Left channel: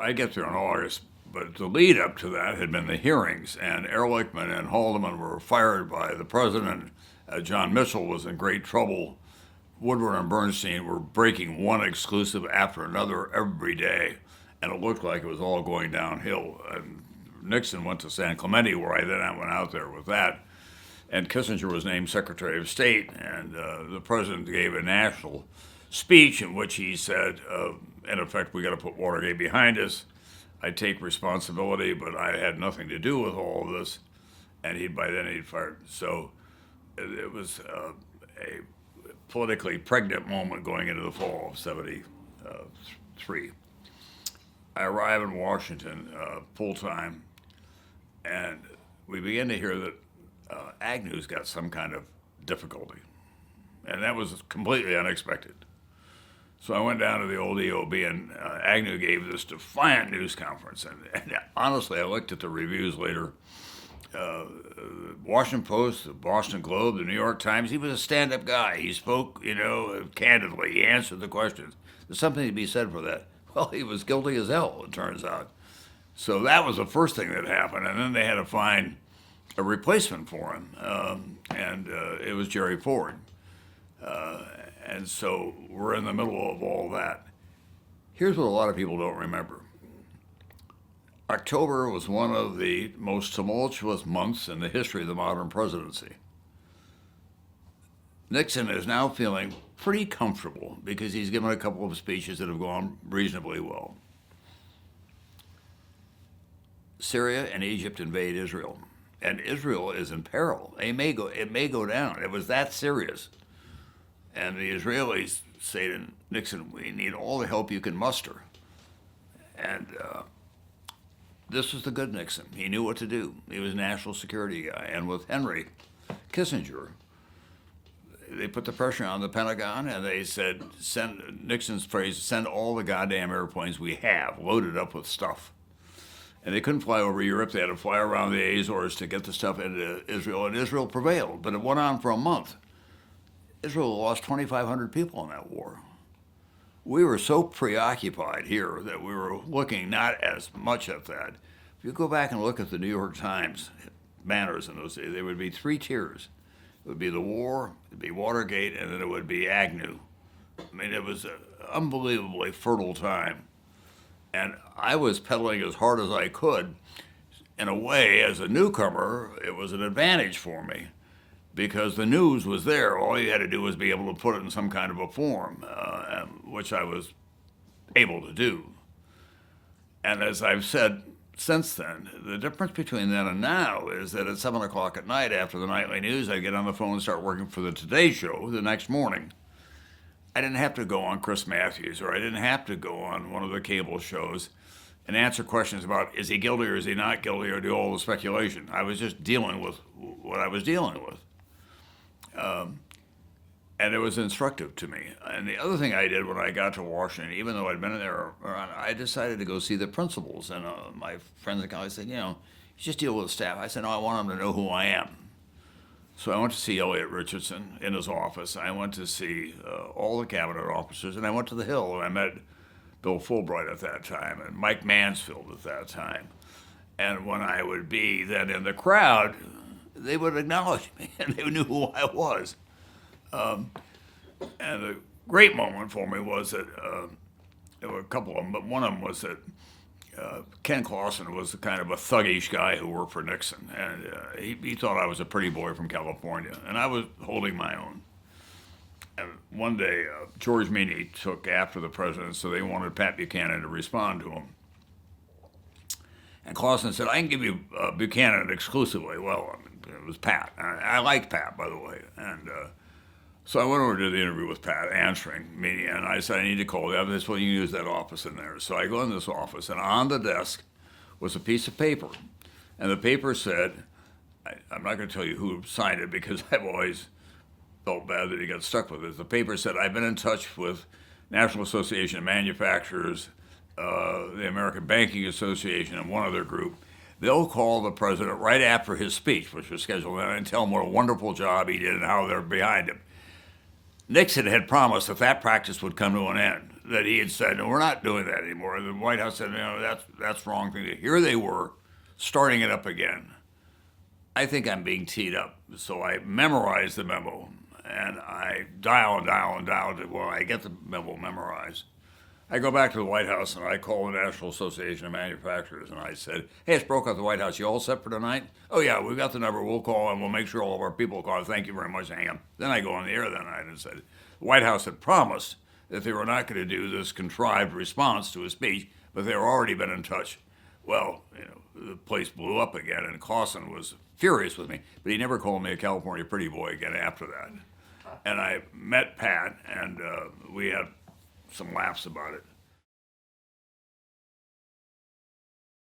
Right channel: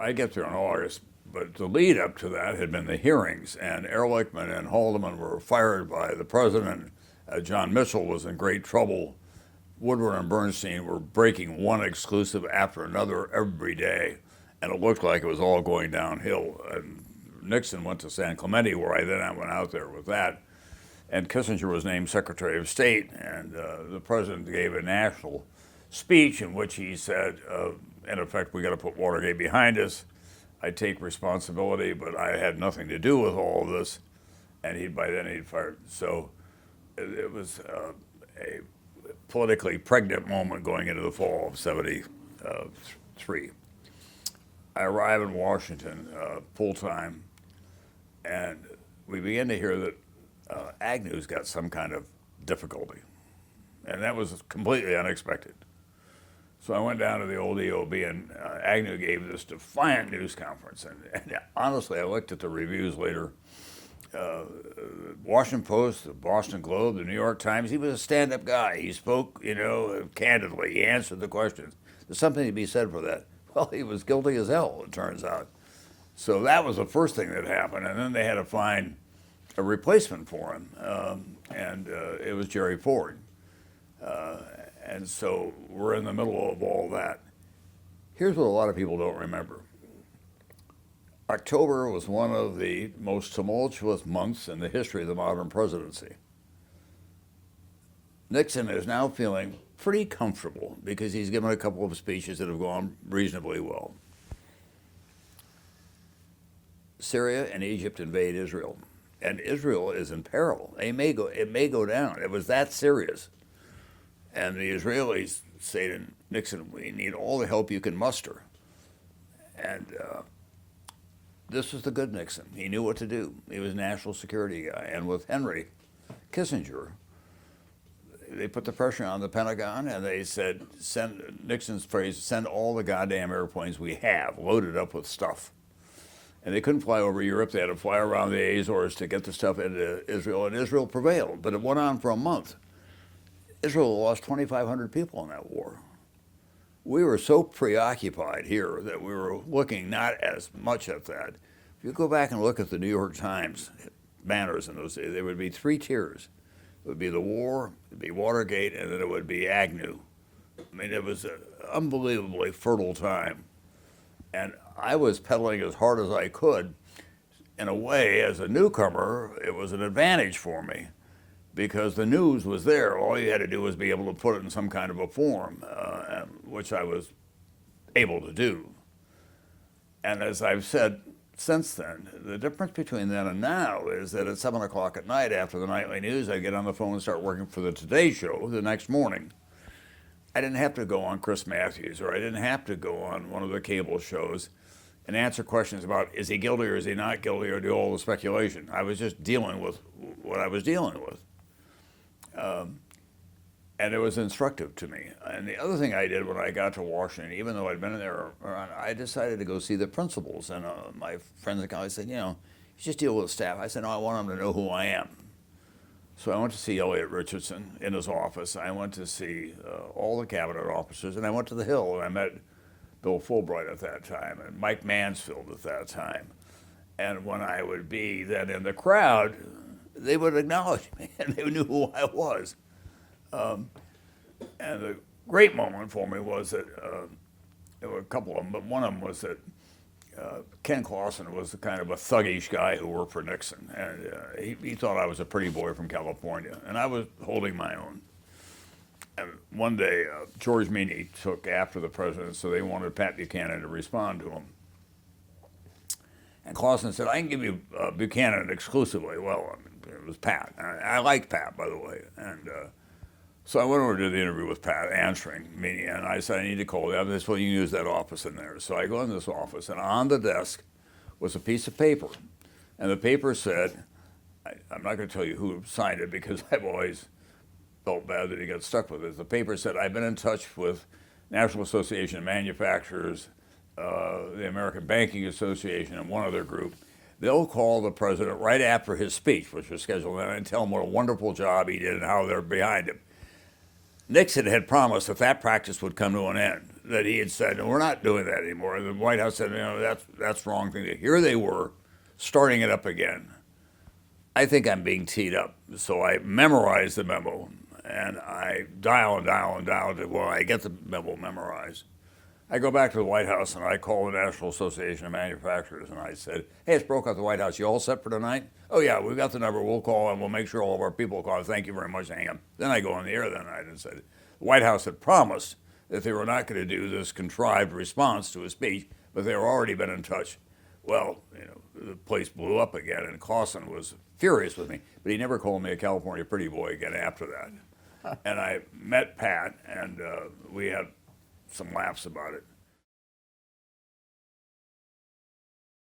I get there in August, but the lead up to that had been the hearings, and Ehrlichman and Haldeman were fired by the president. John Mitchell was in great trouble. Woodward and Bernstein were breaking one exclusive after another every day, and it looked like it was all going downhill. And Nixon went to San Clemente, where I then went out there with that, and Kissinger was named Secretary of State, and the president gave a national speech in which he said, in effect, we got to put Watergate behind us. I take responsibility, but I had nothing to do with all of this. And by then he'd fired. So it was a politically pregnant moment going into the fall of '73. I arrive in Washington full time, and we began to hear that Agnew's got some kind of difficulty. And that was completely unexpected. So I went down to the old EOB, and Agnew gave this defiant news conference. And honestly, I looked at the reviews later. Washington Post, the Boston Globe, the New York Times, he was a stand-up guy. He spoke, candidly. He answered the questions. There's something to be said for that. Well, he was guilty as hell, it turns out. So that was the first thing that happened. And then they had to find a replacement for him. And it was Jerry Ford. And so we're in the middle of all that. Here's what a lot of people don't remember. October was one of the most tumultuous months in the history of the modern presidency. Nixon is now feeling pretty comfortable because he's given a couple of speeches that have gone reasonably well. Syria and Egypt invade Israel, and Israel is in peril. It may go down. It was that serious. And the Israelis say to Nixon, we need all the help you can muster. And this was the good Nixon. He knew what to do. He was a national security guy. And with Henry Kissinger, they put the pressure on the Pentagon, and they said, Nixon's phrase, send all the goddamn airplanes we have loaded up with stuff. And they couldn't fly over Europe. They had to fly around the Azores to get the stuff into Israel, and Israel prevailed. But it went on for a month. Israel lost 2,500 people in that war. We were so preoccupied here that we were looking not as much at that. If you go back and look at the New York Times banners in those days, there would be three tiers. It would be the war, it would be Watergate, and then it would be Agnew. I mean, it was an unbelievably fertile time. And I was pedaling as hard as I could. In a way, as a newcomer, it was an advantage for me, because the news was there. All you had to do was be able to put it in some kind of a form, which I was able to do. And as I've said since then, the difference between then and now is that at 7 o'clock at night after the nightly news, I get on the phone and start working for the Today Show the next morning. I didn't have to go on Chris Matthews, or I didn't have to go on one of the cable shows and answer questions about is he guilty or is he not guilty, or do all the speculation. I was just dealing with what I was dealing with. And it was instructive to me. And the other thing I did when I got to Washington, even though I'd been in there, I decided to go see the principals. And my friends and colleagues said, you just deal with the staff. I said, no, I want them to know who I am. So I went to see Elliot Richardson in his office. I went to see all the cabinet officers, and I went to the Hill, and I met Bill Fulbright at that time, and Mike Mansfield at that time. And when I would be then in the crowd, they would acknowledge me, and they knew who I was. And the great moment for me was that there were a couple of them, but one of them was that Ken Clausen was kind of a thuggish guy who worked for Nixon, and he thought I was a pretty boy from California, and I was holding my own. And one day, George Meany took after the president, so they wanted Pat Buchanan to respond to him. And Clausen said, I can give you Buchanan exclusively. Well, it was Pat. I liked Pat, by the way. And so I went over to do the interview with Pat, answering me, and I said, I need to call you. This way you can use that office in there. So I go in this office, and on the desk was a piece of paper. And the paper said, I'm not going to tell you who signed it because I've always felt bad that he got stuck with it. The paper said, I've been in touch with National Association of Manufacturers, the American Banking Association, and one other group. They'll call the president right after his speech, which was scheduled, and tell him what a wonderful job he did and how they're behind him. Nixon had promised that practice would come to an end, that he had said, "No, we're not doing that anymore." And the White House said, that's the wrong thing. Here they were, starting it up again. I think I'm being teed up, so I memorized the memo, and I dial and dial and dial to well, I get the memo memorized. I go back to the White House and I call the National Association of Manufacturers and I said, "Hey, it's Brokaw at the White House. You all set for tonight?" "Oh yeah, we've got the number. We'll call and we'll make sure all of our people call. Thank you very much. Hang on." Then I go on the air that night and said, the White House had promised that they were not going to do this contrived response to a speech, but they were already been in touch. Well, the place blew up again, and Clausen was furious with me, but he never called me a California pretty boy again after that. And I met Pat, and we had some laughs about it.